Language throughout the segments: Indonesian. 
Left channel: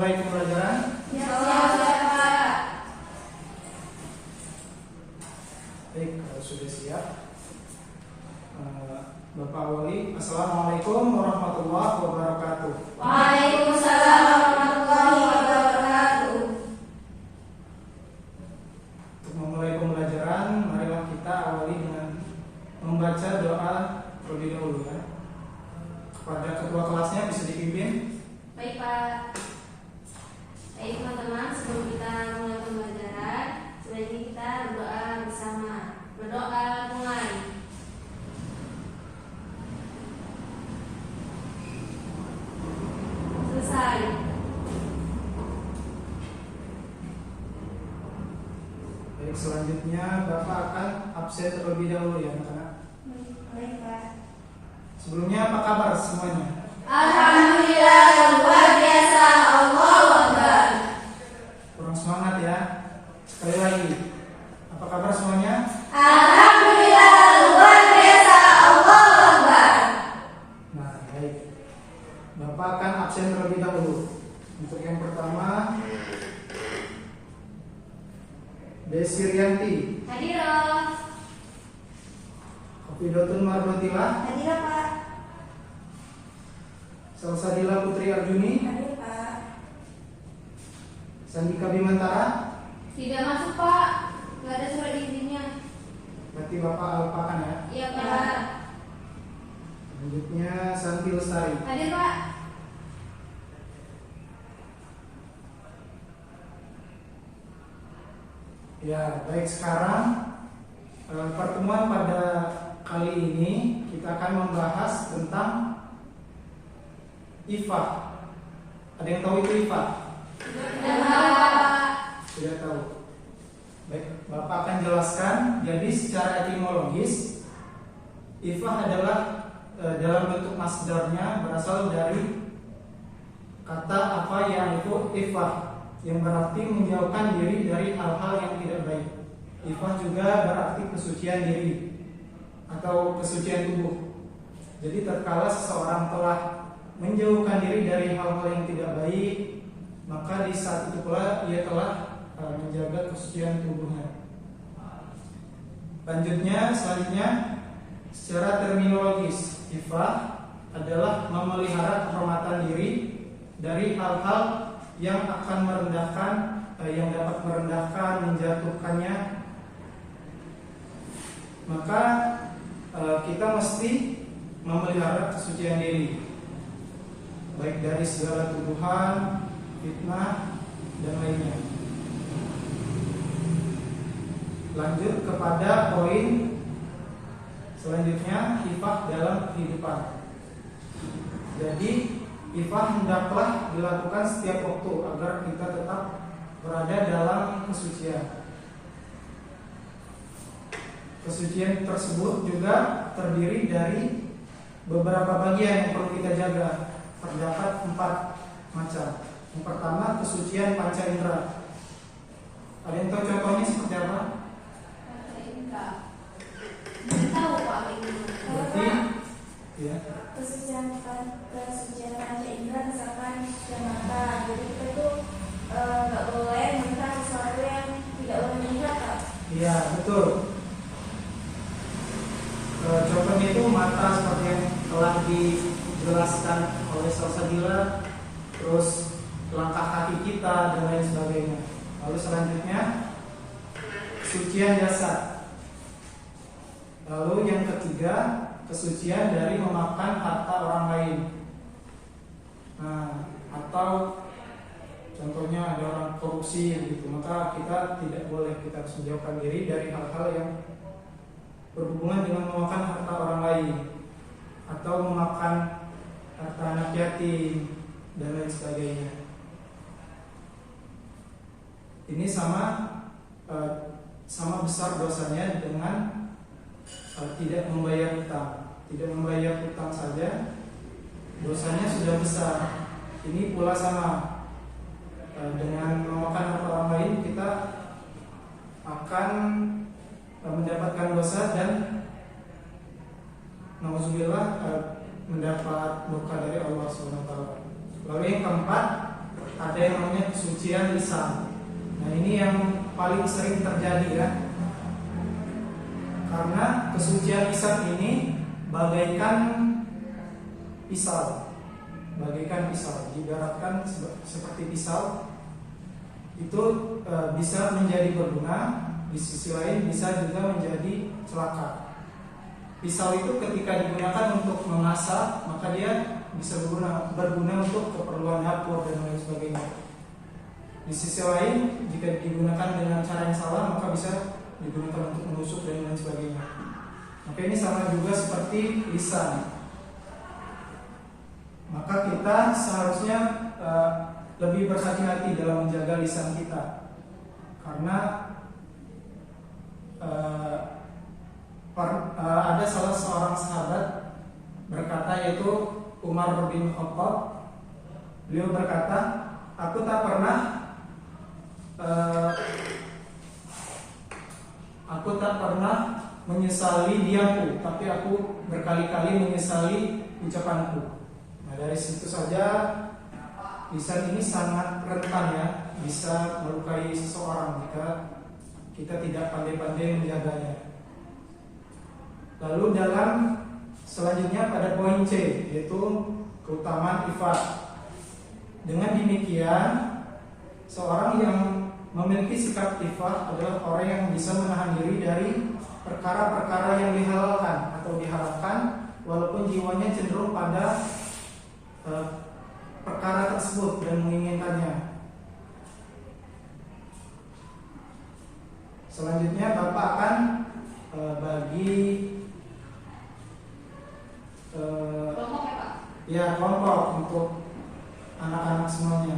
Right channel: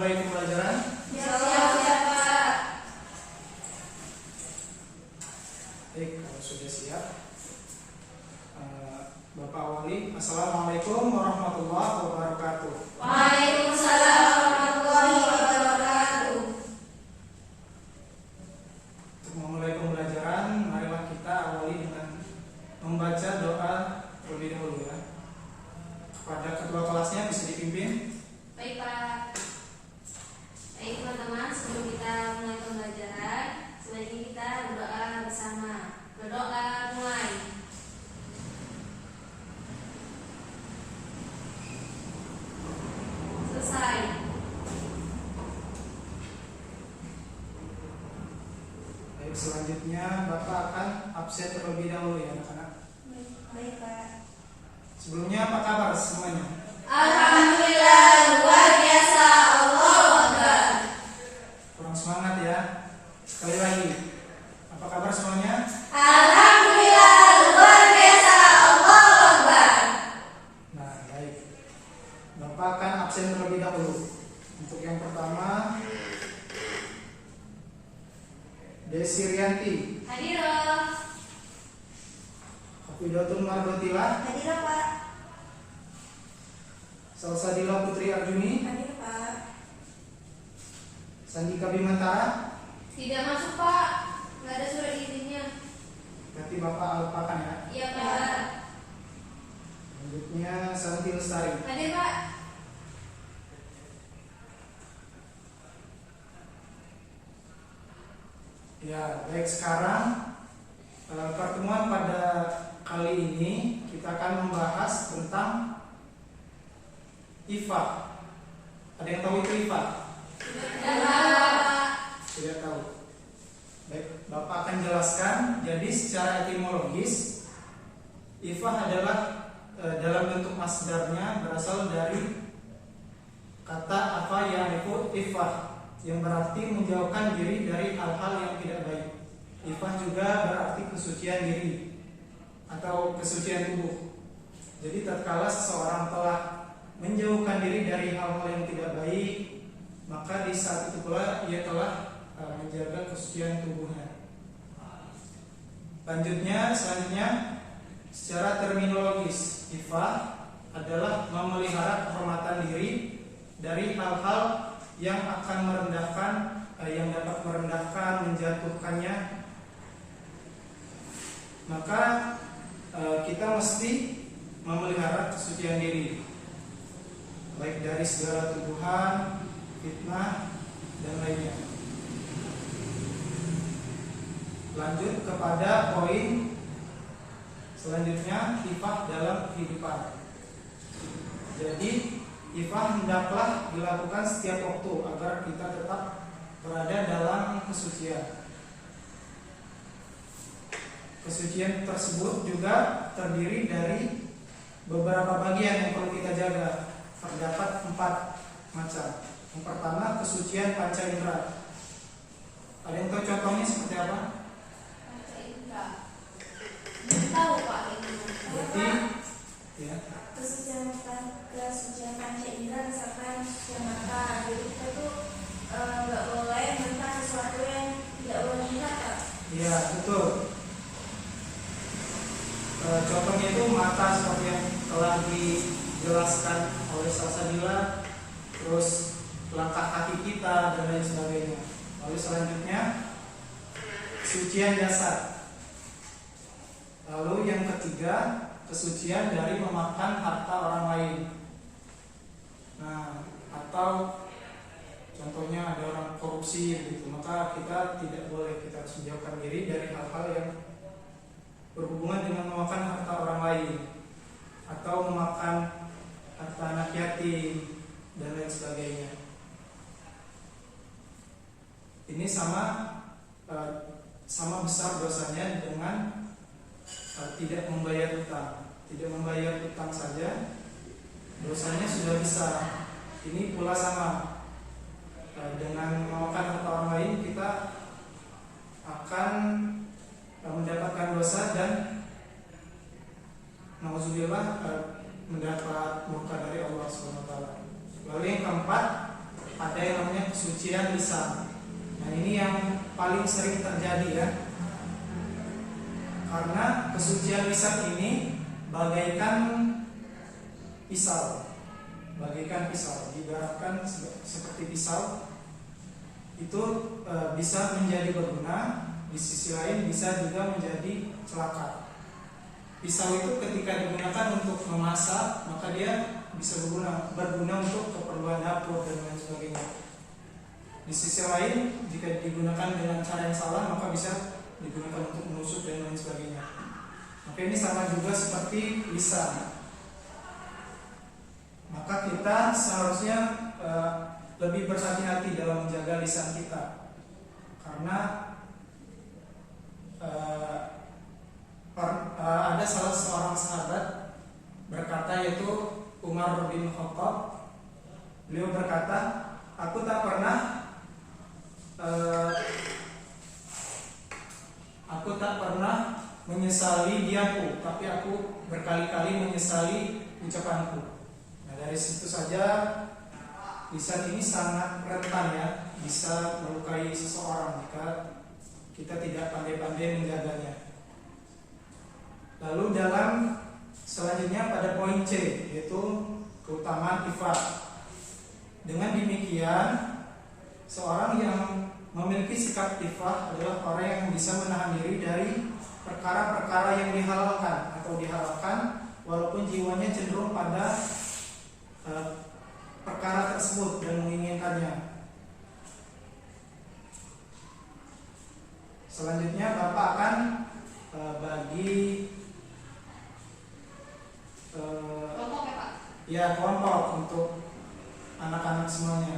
mulai pembelajaran? Ya, Pak. Baik, kalau sudah siap, Bapak Wali, Assalamualaikum warahmatullahi wabarakatuh. Waalaikumsalam warahmatullahi wabarakatuh. Untuk memulai pembelajaran, marilah kita awali dengan membaca doa terlebih dahulu ya. Kepada ketua kelasnya bisa dipimpin. Baik, Pak. Baik, teman-teman, sebelum kita mulai pembelajaran, sebaiknya kita berdoa bersama. Berdoa mulai. Selesai. Baik, selanjutnya Bapak akan absen terlebih dahulu ya anak-anak. Baik, Pak. Sebelumnya apa kabar semuanya? Alhamdulillah, luar biasa. Allahu Akbar. Kurang semangat ya. Sekali lagi, apa kabar semuanya? Alhamdulillah, luar biasa. Allahu Akbar. Nah, baik. Bapak akan absen terlebih dahulu. Untuk yang pertama, Desi Rianti, Hadiroh. Kofidatun Mardotilah, Hadiroh, Pak. Salsadila Putri Arjuni, Hadir, Pak. Sandika Bimantara. Tidak masuk, Pak. Nggak ada surat izinnya. Berarti Bapak lupakan ya. Iya, Pak. Selanjutnya Santi Lestari. Hadir, Pak. Ya, baik, sekarang pertemuan pada kali ini kita akan membahas tentang IFA. Ada yang tahu itu IFA? Tidak, Pak. Tidak tahu. Baik, Bapak akan jelaskan. Jadi secara etimologis, IFA adalah dalam bentuk masdarnya berasal dari kata apa yang itu ifah, yang berarti menjauhkan diri dari hal-hal yang tidak baik. Ifah juga berarti kesucian diri atau kesucian tubuh. Jadi tatkala seseorang telah menjauhkan diri dari hal-hal yang tidak baik, maka di saat itu pula ia telah menjaga kesucian tubuhnya. Selanjutnya secara terminologis, ifah adalah memelihara kehormatan diri dari hal-hal yang akan merendahkan, yang dapat merendahkan, menjatuhkannya. Maka kita mesti memelihara kesucian diri, baik dari segala tuduhan, fitnah, dan lainnya. Lanjut kepada poin selanjutnya, ifah dalam kehidupan. Jadi ifah hendaklah dilakukan setiap waktu agar kita tetap berada dalam kesucian. Kesucian tersebut juga terdiri dari beberapa bagian yang perlu kita jaga. Terdapat 4 macam. Yang pertama, kesucian panca indera. Ada yang tahu contohnya seperti apa? Tahu, Pak, ini. Berarti ya. Kesucian panca indera, misalkan kesucian mata. Jadi kita itu nggak boleh melihat sesuatu yang tidak boleh dilihat, Pak. Iya, betul. Contohnya itu mata seperti yang telah dijelaskan oleh Salsabila, terus langkah kaki kita dan lain sebagainya. Lalu selanjutnya kesucian jasad. Lalu yang ketiga, kesucian dari memakan harta orang lain. Nah, atau contohnya ada orang korupsi gitu, maka kita tidak boleh, kita harus menjauhkan diri dari hal-hal yang berhubungan dengan memakan harta orang lain atau memakan harta anak yatim dan lain sebagainya. Ini sama besar dosanya dengan tidak membayar hutang. Tidak membayar hutang saja dosanya sudah besar. Ini pula sama dengan memakan harta orang lain, kita akan mendapatkan dosa dan nauzubillah mendapat murka dari Allah Subhanahu wa taala. Lalu yang keempat, ada yang namanya kesucian lisan. Nah, ini yang paling sering terjadi ya. Karena kesucian lisan ini bagaikan pisau. Bagaikan pisau, diibaratkan seperti pisau. Itu bisa menjadi berguna, di sisi lain bisa juga menjadi celaka. Pisau itu ketika digunakan untuk memasak, maka dia bisa berguna untuk keperluan dapur dan lain sebagainya. Di sisi lain, jika digunakan dengan cara yang salah, maka bisa digunakan untuk menusuk dan lain sebagainya. Maka ini sama juga seperti lisan. Maka kita seharusnya lebih berhati-hati dalam menjaga lisan kita, karena ada salah seorang sahabat berkata, yaitu Umar bin Khattab. Beliau berkata, aku tak pernah menyesali diamku, tapi aku berkali-kali menyesali ucapanku. Nah, dari situ saja lisan ini sangat rentan ya, bisa melukai seseorang jika kita tidak pandai-pandai menjaganya. Lalu dalam selanjutnya pada poin C, yaitu keutamaan ifat. Dengan demikian, seorang yang memiliki sikap ifat adalah orang yang bisa menahan diri dari perkara-perkara yang dihalalkan atau diharamkan, walaupun jiwanya cenderung pada perkara tersebut dan menginginkannya. Selanjutnya Bapak akan bagi kelompok ya Pak? Ya, kelompok untuk anak-anak semuanya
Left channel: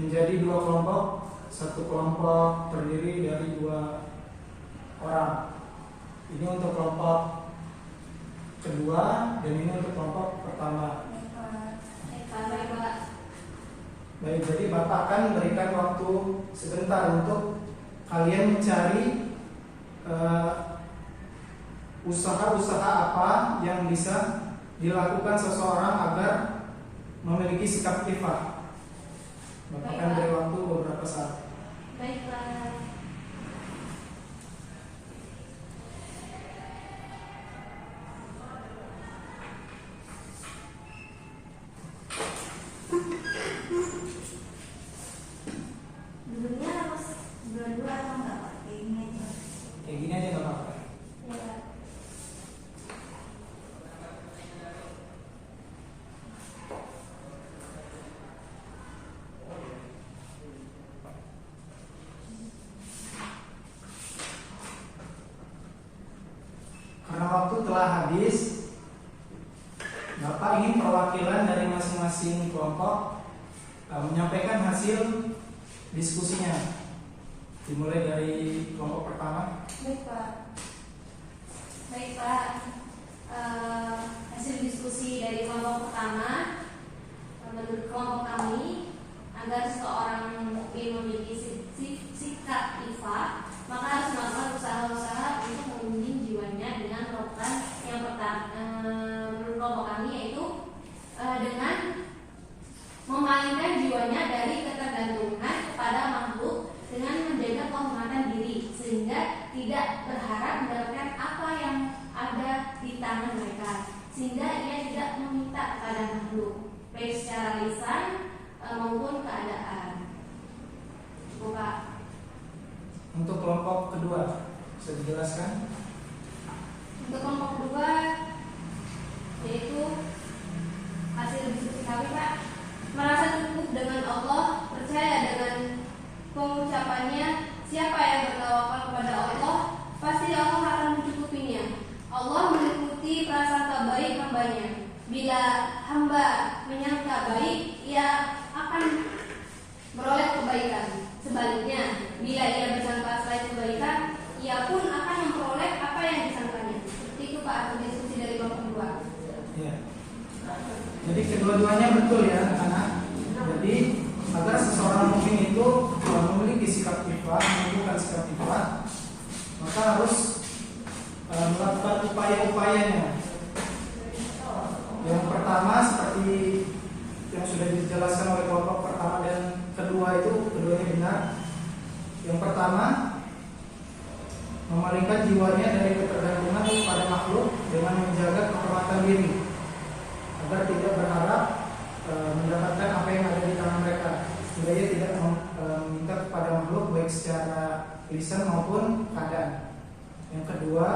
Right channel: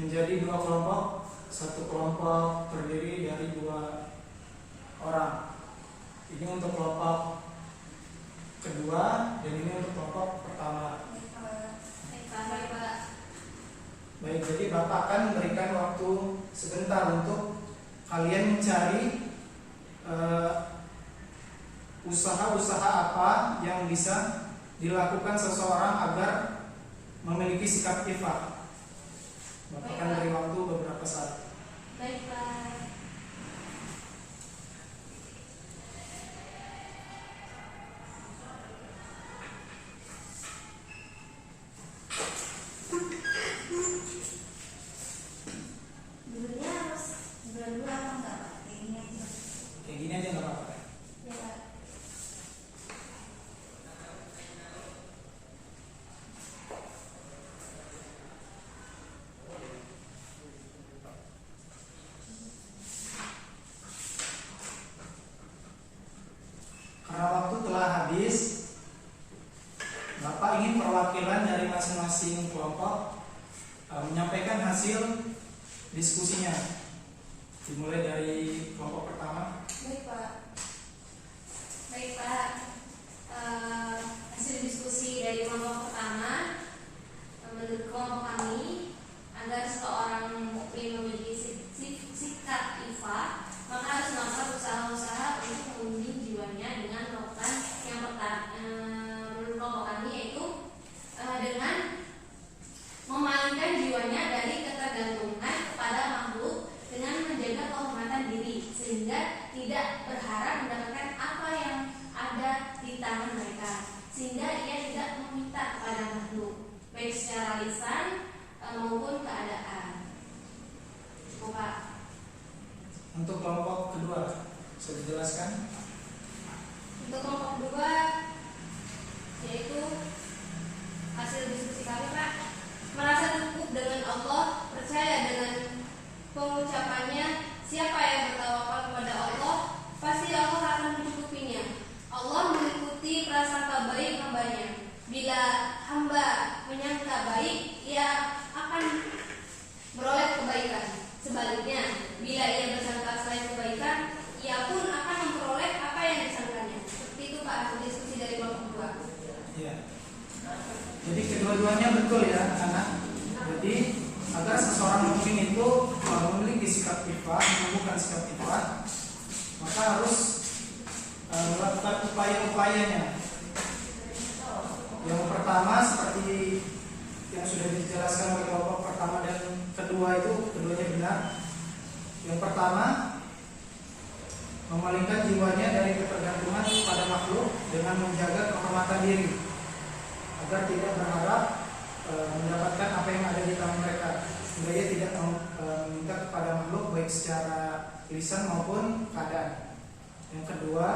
menjadi 2 kelompok. Satu kelompok terdiri dari 2 orang. Ini untuk kelompok kedua dan ini untuk kelompok pertama. Baik, jadi Bapak akan memberikan waktu sebentar untuk kalian mencari usaha-usaha apa yang bisa dilakukan seseorang agar memiliki sikap ifat. Bapak akan beri waktu beberapa saat. Baiklah. Dulunya harus dua-dua atau enggak Pak? Kayak gini aja. Kayak gini aja nggak apa-apa. Ya. Karena waktu telah habis, Bapak ingin perwakilan dari masing-masing kelompok menyampaikan hasil diskusinya. Dimulai dari kelompok pertama. Baik Pak. Baik Pak. Hasil diskusi dari kelompok pertama, menurut kelompok kami, agar seorang mukmin memiliki sikap ifat, maka harus melakukan usaha-usaha untuk membimbing jiwanya dengan melakukan yang pertama, menurut kelompok kami, yaitu dengan memalingkan jiwanya dari ketergantungan kepada makhluk dengan menjaga kehormatan diri, sehingga tidak berharap mendapatkan apa yang ada di tangan mereka, sehingga ia tidak meminta kepada makhluk, baik secara lisan maupun keadaan. Pak. Untuk kelompok kedua, bisa dijelaskan? Untuk kelompok kedua, yaitu hasil diskusi kami Pak, merasa cukup dengan Allah, percaya dengan pengucapannya, siapa yang bertawakal kepada Allah, pasti Allah akan mencukupinya. Allah meliputi prasangka baik hambanya. Bila hamba menyangka baik, ia akan beroleh kebaikan. Sebaliknya, bila ia bersangka selain kebaikan, ia pun akan memperoleh apa yang disangkanya. Seperti itu Pak, hasil diskusi dari kelompok kedua. Ya. Jadi kedua-duanya betul ya anak. Jadi agar seseorang mukmin itu memiliki sikap ifat, menumbuhkan sikap ifat, maka harus melakukan upaya-upayanya. Yang pertama seperti yang sudah dijelaskan oleh kelompok pertama dan kedua itu keduanya benar. Yang pertama, memalingkan jiwanya dari ketergantungan pada makhluk dengan menjaga kehormatan diri agar tidak berharap mendapatkan apa yang ada di tangan mereka, sehingga ia tidak meminta kepada makhluk baik secara lisan maupun keadaan. Yang kedua,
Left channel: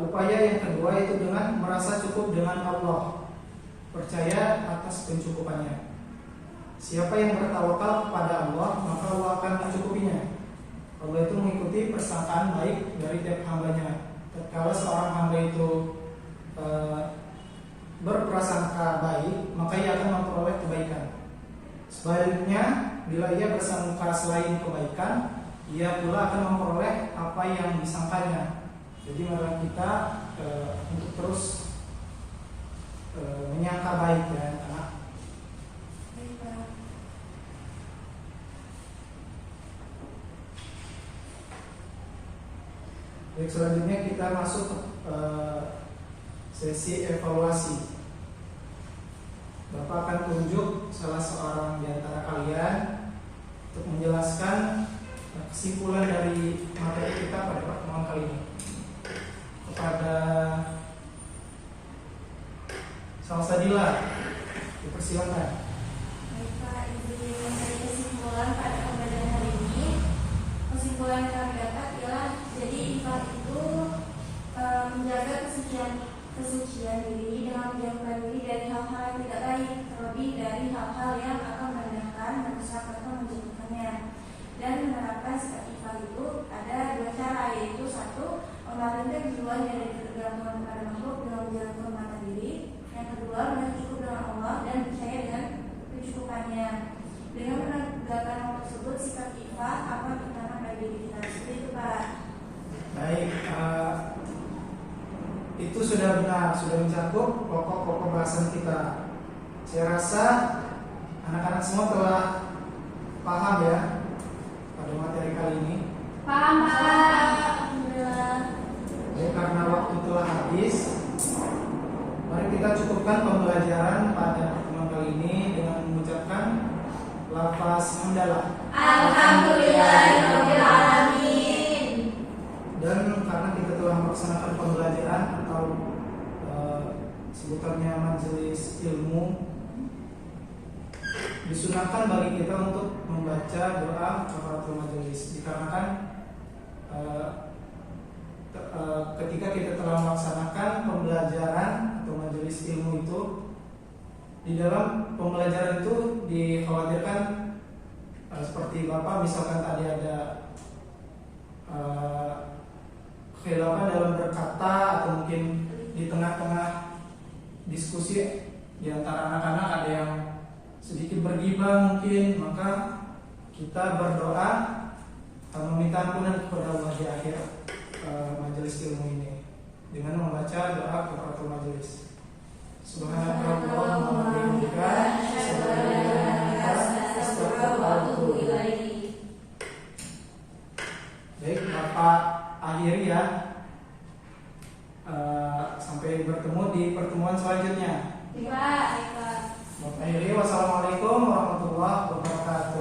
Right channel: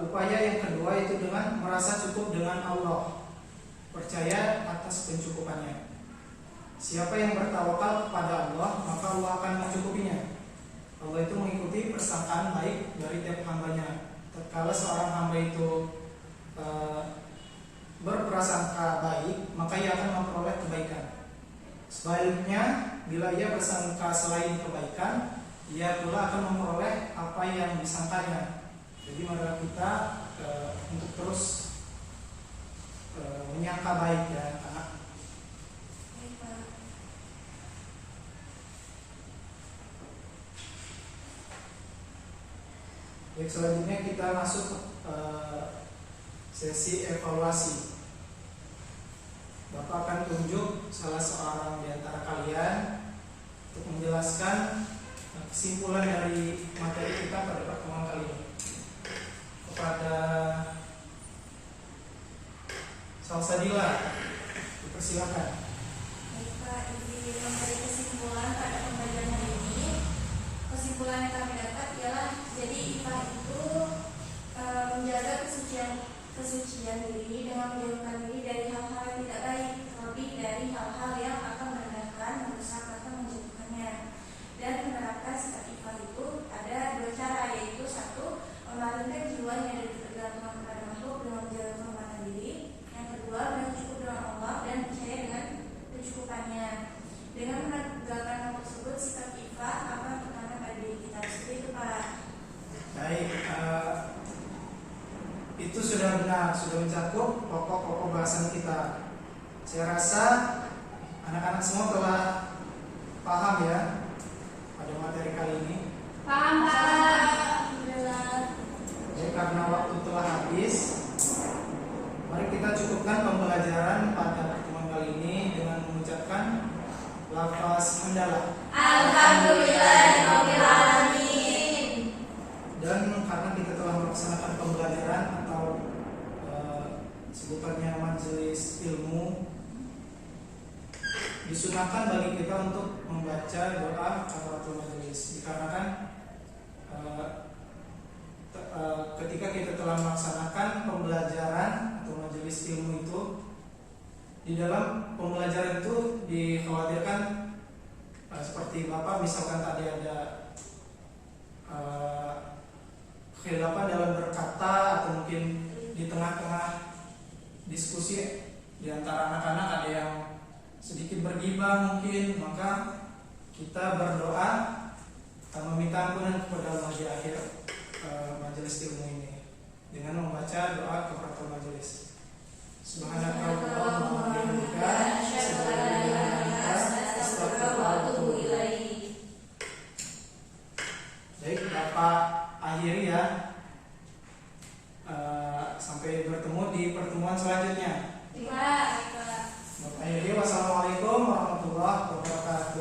upaya yang kedua itu dengan merasa cukup dengan Allah, percaya atas pencukupannya. Siapa yang bertawakal kepada Allah, maka Allah akan mencukupinya. Allah itu mengikuti persangkaan baik dari tiap hambanya. Tatkala seorang hamba itu berprasangka baik, maka ia akan memperoleh kebaikan. Sebaliknya, bila ia bersangka selain kebaikan, ia pula akan memperoleh apa yang disangkanya. Jadi marilah kita untuk terus menyangka baik ya, anak. Baik, selanjutnya kita masuk ke sesi evaluasi. Bapak akan tunjuk salah seorang di antara kalian untuk menjelaskan kesimpulan dari materi kita pada pertemuan kali ini. Kepada Salsadila, dipersilakan. Baik Pak, izin memberi kesimpulan pada pembelajaran hari ini. Kesimpulan yang kami dapat ialah jadi IPA itu menjaga kesucian diri dengan menjauhkan diri dari hal-hal yang tidak baik, terlebih dari hal-hal yang akan merendahkan, merusak atau menjatuhkannya. Dan menerapkan sifat IPA itu ada dua cara, yaitu satu, memalingkan jiwanya dari ketergantungan kepada makhluk dengan menjaga kehormatan diri. Yang kedua, merasa cukup dengan Allah dan percaya dengan pencukupannya. Dengan menegakkan hal tersebut, sikap IPA akan tertanam pada diri kita. Seperti itu Pak. Baik, itu sudah benar, sudah mencakup pokok-pokok bahasan kita. Saya rasa anak-anak semua telah paham ya pada materi kali ini. Paham Pak? Alhamdulillah. Ya, karena waktu telah habis, mari kita cukupkan pembelajaran pada pertemuan kali ini dengan mengucapkan lafaz hamdalah. Alhamdulillahirabbil alamin. Dan karena kita telah melaksanakan pembelajaran atau sebutannya majelis ilmu, disunahkan bagi kita untuk membaca doa kafaratul majelis, dikarenakan ketika kita telah melaksanakan pembelajaran atau majelis ilmu itu, di dalam pembelajaran itu dikhawatirkan seperti Bapak misalkan tadi ada khilafan dalam berkata, atau mungkin di tengah-tengah diskusi di antara anak-anak ada yang sedikit bergibah mungkin, maka kita berdoa meminta ampunan kepada Allah di akhir majelis ilmu ini dengan membaca doa kafaratul majelis. Subhanakallahumma wa bihamdika asyhadu an la ilaha illa anta astaghfiruka wa atubu ilaik. Baik, Bapak akhiri ya. Sampai bertemu di pertemuan selanjutnya. Pak. Bapak akhiri, wassalamualaikum warahmatullahi wabarakatuh.